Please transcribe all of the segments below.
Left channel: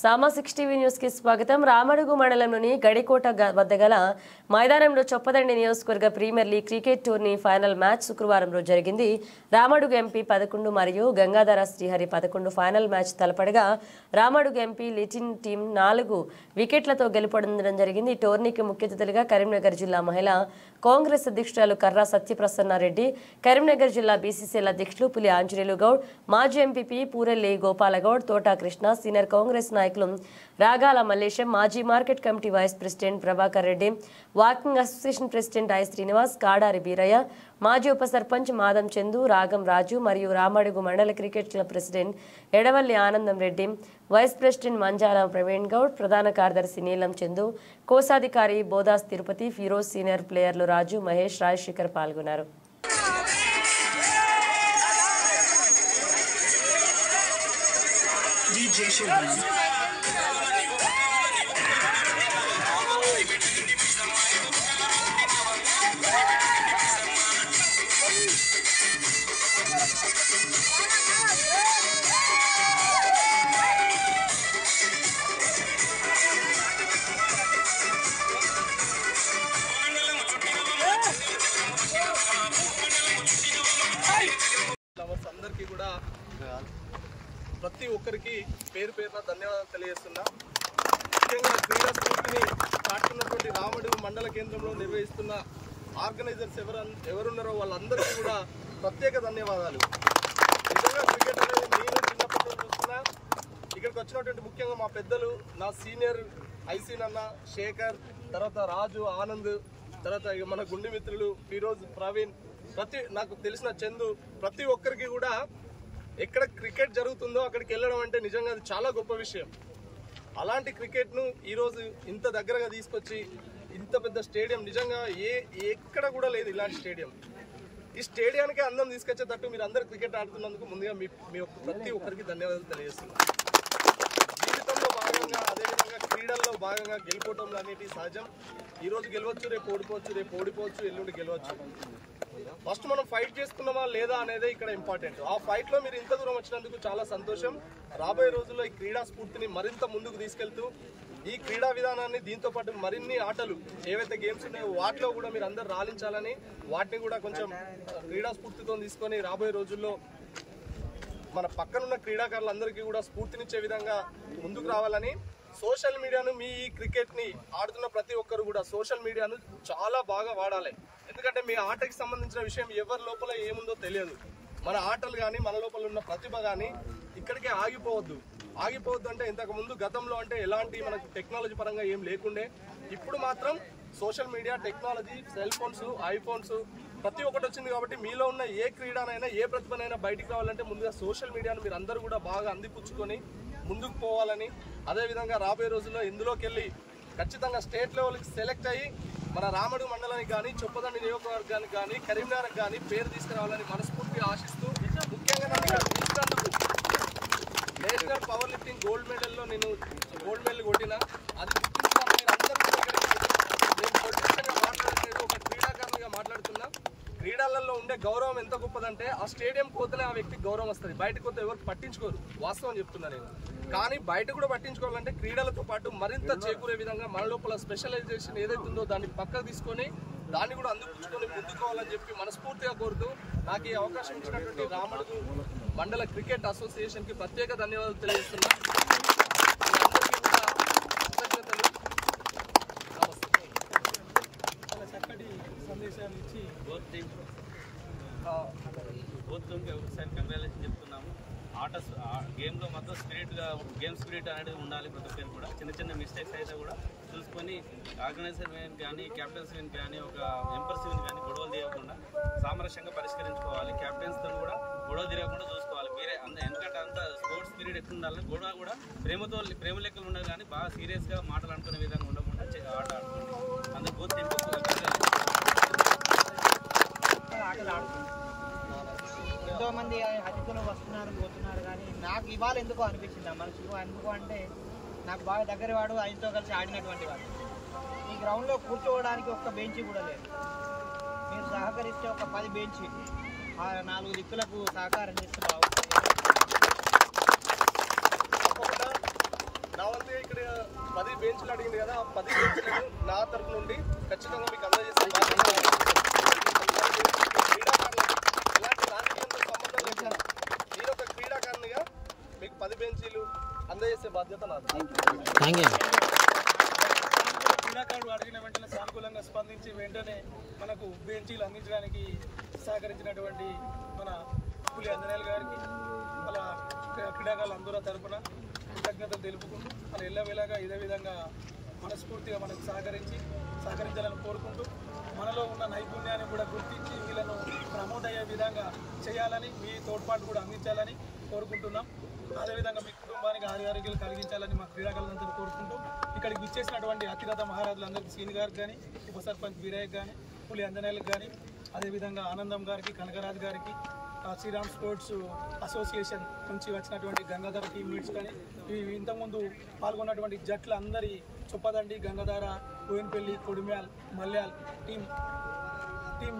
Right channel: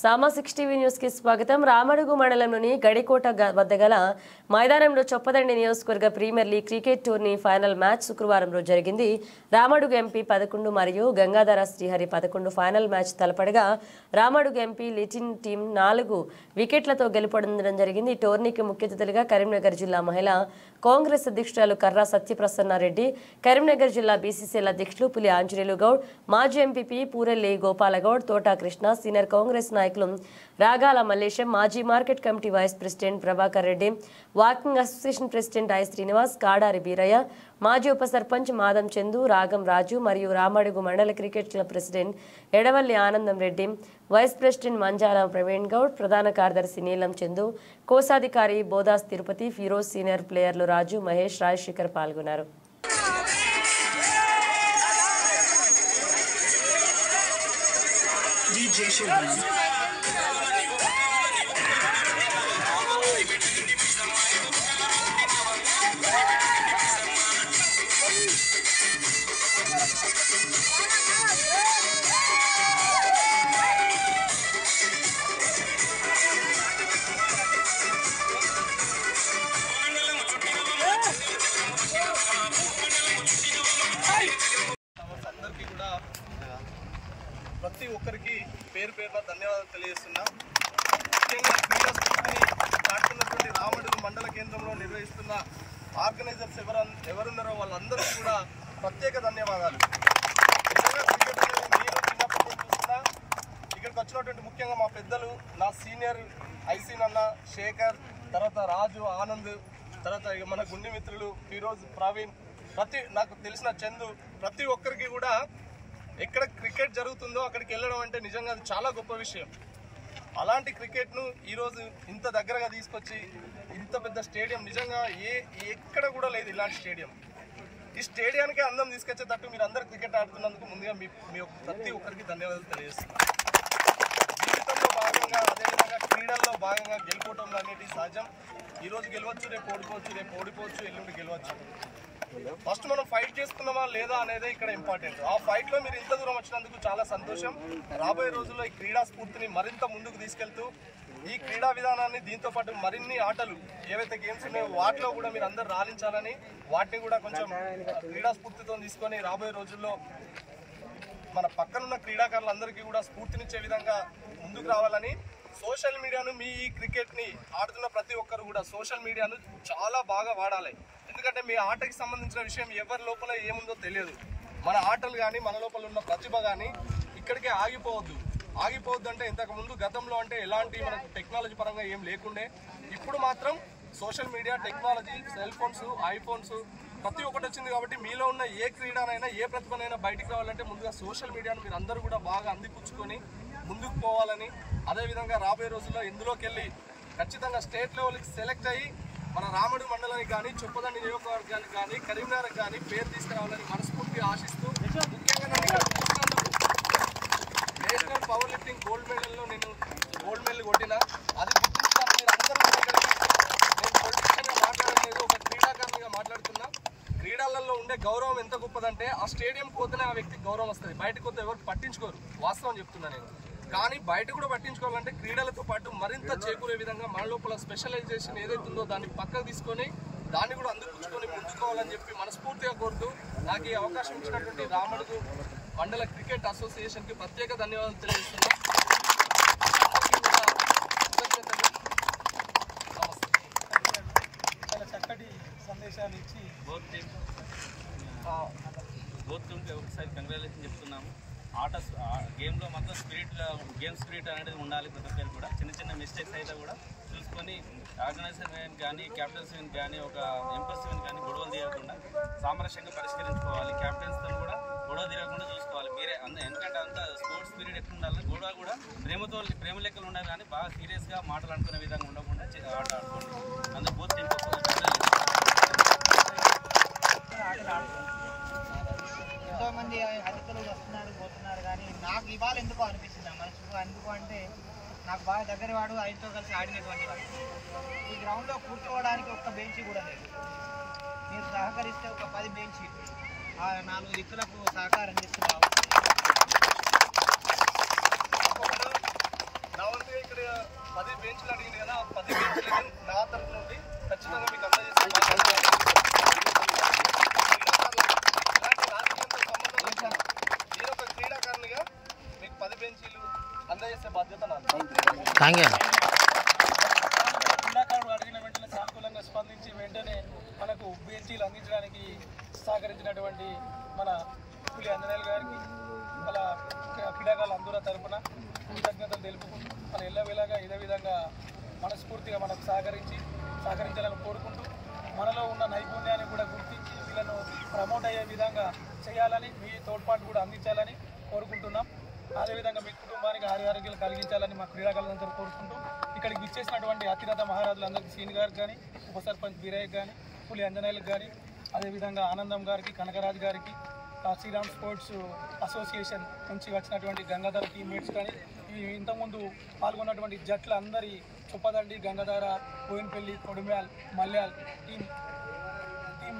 సామా 6 TV news కి స్వాగతం. రామడుగు మండలంలోని గడికోట వద్ద గల మైదానంలో చొప్పదండి నియోజకవర్గ premier league cricket tourney final match శుక్రవారం రోజు జరిగింది. రామడుగు ఎంపీ 11 మరియు గంగాధర శ్రీహరి 11 ఫైనల్ మ్యాచ్ తలపడగా రామడుగు ఎంపీ లిటిన్ టీం 4 వికెట్లతో గెలుపొందడం జరిగింది. ఈ టోర్నీకి ముఖ్య అతిథులుగా కరీంనగర్ జిల్లా మహిళా కాంగ్రెస్ అధ్యక్షురాలు కర్రా సత్యప్రసన్నారెడ్డి, కరీంనగర్ జిల్లా బీసీసీఎల్ అధ్యక్షులు పులి ఆంజనేయులు గౌడ్, మాజీ ఎంపీపీ పూరెల్లి గోపాలగౌడ్, తోటా కృష్ణ, సీనియర్ కాంగ్రెస్ నాయకులు రాగాల మల్లేశం, మాజీ market committee vice president Prabhakar Reddy, walking association president I Srinivas, Kadari Beeraiah, మాజీ ఉప సర్పంచ్ మాదం చందు, రాగం రాజు మరియు రామడుగు మండల క్రికెట్ క్లబ్ ప్రెసిడెంట్ ఎడవల్లి ఆనందం రెడ్డి, వైస్ ప్రెసిడెంట్ మంజాల ప్రవీణ్ గౌడ్, ప్రధాన కార్యదర్శి నీలం చందు, కోశాధికారి బోదాస్ తిరుపతి, ఫిరోజ్, సీనియర్ ప్లేయర్లు రాజు, మహేష్, రాజశేఖర్ పాల్గొన్నారు. అందరికీ కూడా ప్రతి ఒక్కరికి పేరు పేరున ధన్యవాదాలు తెలియజేస్తున్నా. ముఖ్యంగా క్రీడా స్ఫూర్తిని చాటుతున్నటువంటి రామడుగు మండల కేంద్రంలో నిర్వహిస్తున్న ఆర్గనైజర్స్ ఎవరున్నారో వాళ్ళందరికీ కూడా ప్రత్యేక ధన్యవాదాలు. నిజంగా క్రికెట్ అనేది నేను చిన్నప్పటి నుంచి చూస్తున్నా. ఇక్కడికి వచ్చినటువంటి ముఖ్యంగా మా పెద్దలు, నా సీనియర్ ఐసీనన్న, శేఖర్, తర్వాత రాజు, ఆనంద్, తర్వాత మన గుండె మిత్రులు ఫిరోజ్, ప్రవీణ్, నాకు తెలిసిన చందు, ప్రతి ఒక్కరికి కూడా ఎక్కడ క్రికెట్ జరుగుతుందో అక్కడికి వెళ్ళడం అంటే నిజంగా అది చాలా గొప్ప విషయం. అలాంటి క్రికెట్ను ఈరోజు ఇంత దగ్గరగా తీసుకొచ్చి ఇంత పెద్ద స్టేడియం, నిజంగా ఎక్కడ కూడా లేదు ఇలాంటి స్టేడియం. ఈ స్టేడియానికి అందం తీసుకొచ్చేటట్టు మీరు అందరు క్రికెట్ ఆడుతున్నందుకు ముందుగా మీ ప్రతి ఒక్కరికి ధన్యవాదాలు తెలియజేస్తున్నాను. జీవితంలో భాగంగా, అదేవిధంగా క్రీడల్లో భాగంగా గెలుపోవటంలో అనేటివి సహజం. ఈరోజు గెలవచ్చు, రేపు ఓడిపోవచ్చు, ఎల్లుండి గెలవచ్చు. ఫస్ట్ మనం ఫైట్ చేసుకున్నామా లేదా అనేది ఇక్కడ ఇంపార్టెంట్. ఆ ఫైట్ లో మీరు ఇంత దూరం వచ్చినందుకు చాలా సంతోషం. రాబోయే రోజుల్లో ఈ క్రీడా స్ఫూర్తిని మరింత ముందుకు తీసుకెళ్తూ ఈ క్రీడా విధానాన్ని, దీంతో పాటు మరిన్ని ఆటలు ఏవైతే గేమ్స్ ఉన్నాయో వాటిలో కూడా మీరు అందరు రాణించాలని, వాటిని కూడా కొంచెం క్రీడా స్ఫూర్తితో తీసుకొని రాబోయే రోజుల్లో మన పక్కనున్న క్రీడాకారులందరికీ కూడా స్ఫూర్తినిచ్చే విధంగా ముందుకు రావాలని, సోషల్ మీడియాను, మీ ఈ క్రికెట్ని ఆడుతున్న ప్రతి ఒక్కరు కూడా సోషల్ మీడియాను చాలా బాగా వాడాలి. ఎందుకంటే మీ ఆటకి సంబంధించిన విషయం ఎవరి లోపల ఏముందో తెలియదు. మన ఆటలు కానీ, మన లోపల ఉన్న ప్రతిభ కానీ ఇక్కడికే ఆగిపోవద్దు అంటే ఇంతకుముందు గతంలో అంటే ఎలాంటి మనకు టెక్నాలజీ పరంగా ఏం లేకుండే. ఇప్పుడు మాత్రం social media, technology, cell phones, iPhones ప్రతి ఒక్కటి వచ్చింది కాబట్టి మీలో ఉన్న ఏ క్రీడనైనా, ఏ ప్రతిభనైనా బయటికి రావాలంటే ముందుగా సోషల్ మీడియాను మీరు అందరూ కూడా బాగా అందిపుచ్చుకొని ముందుకు పోవాలని, అదేవిధంగా రాబోయే రోజుల్లో ఇందులోకి వెళ్ళి ఖచ్చితంగా స్టేట్ లెవెల్కి సెలెక్ట్ అయ్యి మన రామడుగు మండలానికి కానీ, చొప్పదండి నియోజకవర్గానికి కానీ, కరీంనగర్కి కానీ పేరు తీసుకురావాలని మనస్ఫూర్తిగా ఆశిస్తూ, ముఖ్యంగా నన్ను ఇక్కడ పిలిచినందుకు నేషనల్ పవర్ లిఫ్టింగ్ గోల్డ్ మెడల్లో నేను గోల్డ్ మెడల్ కొట్టినా, అది గుర్తించాలని మీరు అందరూ ఇక్కడికి, నేను పొలిటిషియన్గా మాట్లాడలేదు, ఒక క్రీడాకారునిగా మాట్లాడుతున్నా. క్రీడలలో ఉండే గౌరవం ఎంత గొప్పదంటే ఆ స్టేడియం పోతేనే ఆ వ్యక్తికి గౌరవం వస్తుంది. బయటకు పోతే ఎవరు పట్టించుకోరు, వాస్తవం చెప్తున్నా నేను. కానీ బయట కూడా పట్టించుకోవాలంటే క్రీడలతో పాటు మరింత చేకూరే విధంగా మన లోపల స్పెషలైజేషన్ ఏదైతుందో దాన్ని పక్కకు తీసుకొని దాన్ని కూడా అందిపుచ్చుకొని ముందుకోవాలని చెప్పి మనస్ఫూర్తిగా కోరుతూ, నాకు ఈ అవకాశం ఇచ్చినటువంటి రామడుగు మండల క్రికెట్ అసోసియేషన్కి ప్రత్యేక ధన్యవాదాలు తెలియజేస్తున్నా. అందరికీ కూడా కృతజ్ఞతలు. నమస్తే. చాలా చక్కటి సందేశాలు ఇచ్చి బోత్ టీమ్కి ఒకసారి కంగ్రాచులేషన్ చెప్తున్నాము. గేమ్లో మొత్తం గేమ్ స్పిరిట్ అనేది ఉండాలి. ప్రతి ఒక్కరికి కూడా చిన్న చిన్న మిస్టేక్స్ అయితే కూడా చూసుకొని ఆర్గనైజర్ కానీ, క్యాప్టెన్స్ కానీ, ఒక ఎంపర్స్ కానీ గొడవలు తీయకుండా సామరస్యంగా పరిష్కరించుకోవాలి. క్యాప్టెన్స్తో కూడా గొడవ తీరకుండా చూసుకోవాలి మీరే. ఎందుకంటే అంత స్పోర్ట్స్ స్పిరిట్ ఎక్కువ ఉండాలి. గొడవ కూడా ప్రేమ లెక్కలు ఉండాలి, కానీ బాగా సీరియస్గా మాటలు అనుకునే విధంగా ఉండకుండా ఆట ఆడుకోండి. అందుకు బోత్ టీమ్కి ఎంతో మంది అతిథులు వస్తున్నారు, పోతున్నారు, కానీ నాకు ఇవాళ ఎందుకో అనిపించింది మనసుకు. ఎందుకు అంటే నాకు బాగా దగ్గర వాడు, ఆయనతో కలిసి ఆడినటువంటి వాడు. ఈ గ్రౌండ్లో కూర్చోవడానికి ఒక్క బెంచ్ కూడా లేదు. మీరు సహకరిస్తే ఒక 10 బెంచ్ ఆ 4 దిక్కులకు సహకారం చేస్తున్నావు. 10 బెంచ్లు అడిగింది కదా, ఆ 10 బెంచ్లను నా తరపు నుండి ఖచ్చితంగా మీకు అందజేసే బాధ్యత. క్రీడాకారులకు ఎలాంటి రాజకీయంతో సంబంధం లేకుండా మీరు ఒక క్రీడాకారునిగా మీకు 10 బెంచీలు అందజేసే బాధ్యత నాది. క్రీడాకారుడు అడిగిన వెంటనే సానుకూలంగా స్పందించి వెంటనే మనకు బెంచీలు అందించడానికి సహకరించినటువంటి మన పులి ఆంజనేయులు గారికి వాళ్ళ క్రీడాకారుల అందరూ తరపున కృతజ్ఞతలు తెలుపుకుంటూ వాళ్ళ ఎల్లవేళగా ఇదే విధంగా మనస్ఫూర్తిగా మనకు సహకరించాలని కోరుకుంటూ మనలో ఉన్న నైపుణ్యాన్ని కూడా గుర్తించి వీళ్ళను ప్రమోట్ అయ్యే విధంగా చేయాలని, మీ తోడ్పాటు కూడా అందించాలని కోరుకుంటున్నాం. అదేవిధంగా మీ కుటుంబానికి ఆరోగ్యాలు కలిగించాలని మా క్రీడాకారులందరూ కోరుకుంటూ ఇక్కడికి విచ్చేసినటువంటి అతిరథ మహారాజులందరికీ సీని గారికి కానీ, ఉప సర్పంచ్ వీరయ్యకి కానీ, పులి ఆంజనేయులకు కానీ, అదేవిధంగా ఆనందం గారికి, కనకరాజు గారికి, శ్రీరామ్ స్పోర్ట్స్ అసోసియేషన్ నుంచి వచ్చినటువంటి గంగాధర టీమ్మేట్స్ కానీ, ఇంతకుముందు పాల్గొన్నటువంటి జట్ల అందరి చొప్పదండి, గంగాధర, బోయినపల్లి, కొడిమ్యాల్, మల్యాల్ టీం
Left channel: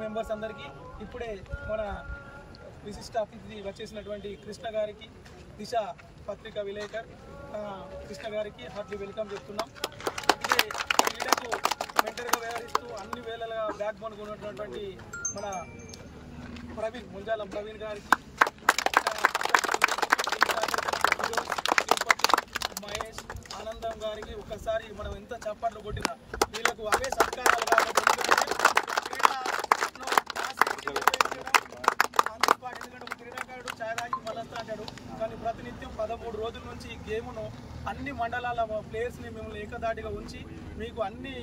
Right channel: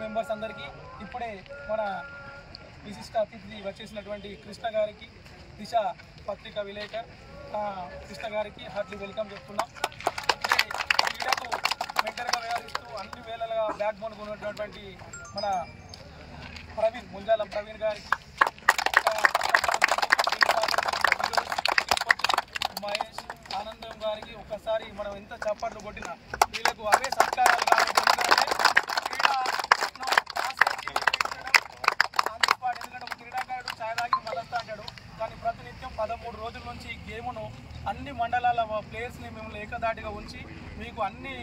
మెంబర్స్ అందరికీ, ఇప్పుడే మన విశిష్ట అతిథి వచ్చేసినటువంటి కృష్ణ గారికి, దిశ పత్రికా విలేకర్ కృష్ణ గారికి హార్ట్లీ వెల్కమ్ చెప్తున్నాం. ఇదే క్రీడకు మెంటర్గా వ్యవహరిస్తూ అన్ని వేళలుగా బ్యాక్ బోన్ ఉన్నటువంటి మన ప్రవీణ్, ముంజాలం ప్రవీణ్ గారికి, మహేష్, ఆనందం గారికి ఒక్కసారి మనం ఎంత చప్పట్లు కొట్టినా వీళ్ళకు అవే సత్కారాలు కాబట్టి ఎందుకంటే ఒక క్రీడాకారుడు ఛాయ్ తాగి మళ్ళొస్తా అంటాడు, కానీ ప్రతినిత్యం 13 రోజుల నుంచి ఈ గేమును అన్ని మండలాల ప్లేయర్స్ని మిమ్మల్ని ఏకదాటిగా ఉంచి మీకు అన్ని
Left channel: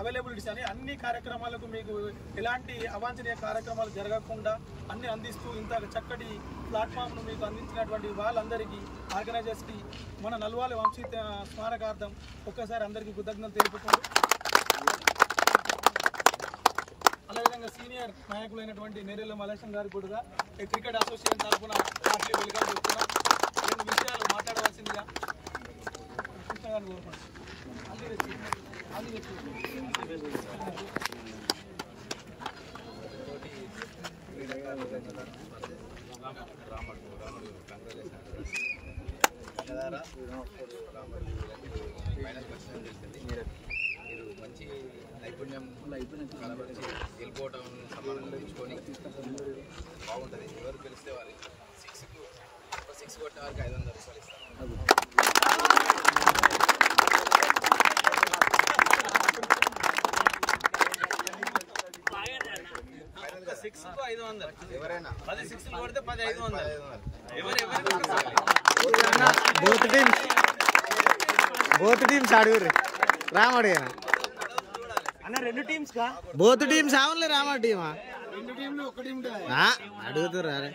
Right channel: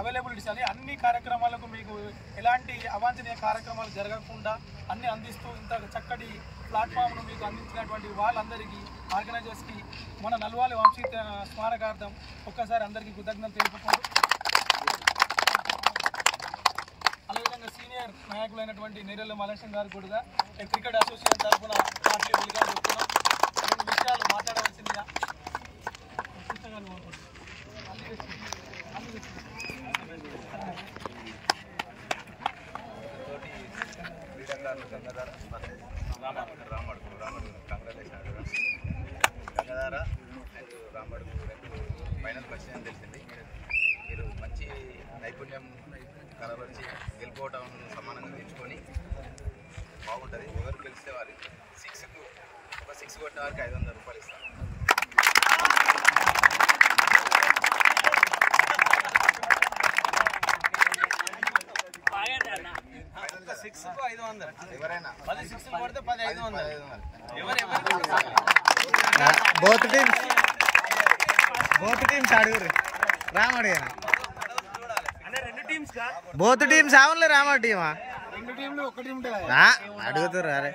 అవైలబిలిటీస్ అని అన్ని కార్యక్రమాలకు మీకు ఎలాంటి అవాంఛనీయ కార్యక్రమాలు జరగకుండా అన్ని అందిస్తూ ఇంత చక్కటి ప్లాట్ఫామ్ను మీకు అందించినటువంటి వాళ్ళందరికీ, ఆర్గనైజర్స్కి మన నల్వాలి వంశీ స్మారకార్థం ఒక్కసారి అందరికీ కృతజ్ఞతలు తెలుపుకుంటూ, అదేవిధంగా సీనియర్ నాయకులైనటువంటి నేరెళ్ళ మలేశం గారు కూడా క్రికెట్ అసోసియేషన్ తరఫున హార్ట్లీ వెల్కమ్ చెప్తున్నాం. 2 విషయాలు మాట్లాడవలసిందిగా కృష్ణ గారు కోరుకుంటున్నాం. తోటి క్రీడాకారులు గంగాధార రామడుగు కంగ్రాచులేషన్. గంగాధార అండ్ రామడుగు 2 ఫైనల్కి వచ్చిందని తెలిసింది. మీరు మంచి నైపుణ్యం కనబరిచి గెలుపోవటం సమానంగా తెచ్చుకొని బాగుంటుంది. ఎవరు గెలిస్తే వారి 6 కొట్టిన వారికి 500 రూపాయలు ఇస్తాను. ఎవరైనా 10 6లు కొడితే 10 500. బోత్ టీమ్స్ అడుగురు రామడు బోత్ టీమ్స్ అవునులే రామడు టీమా అడుగుతారు అరే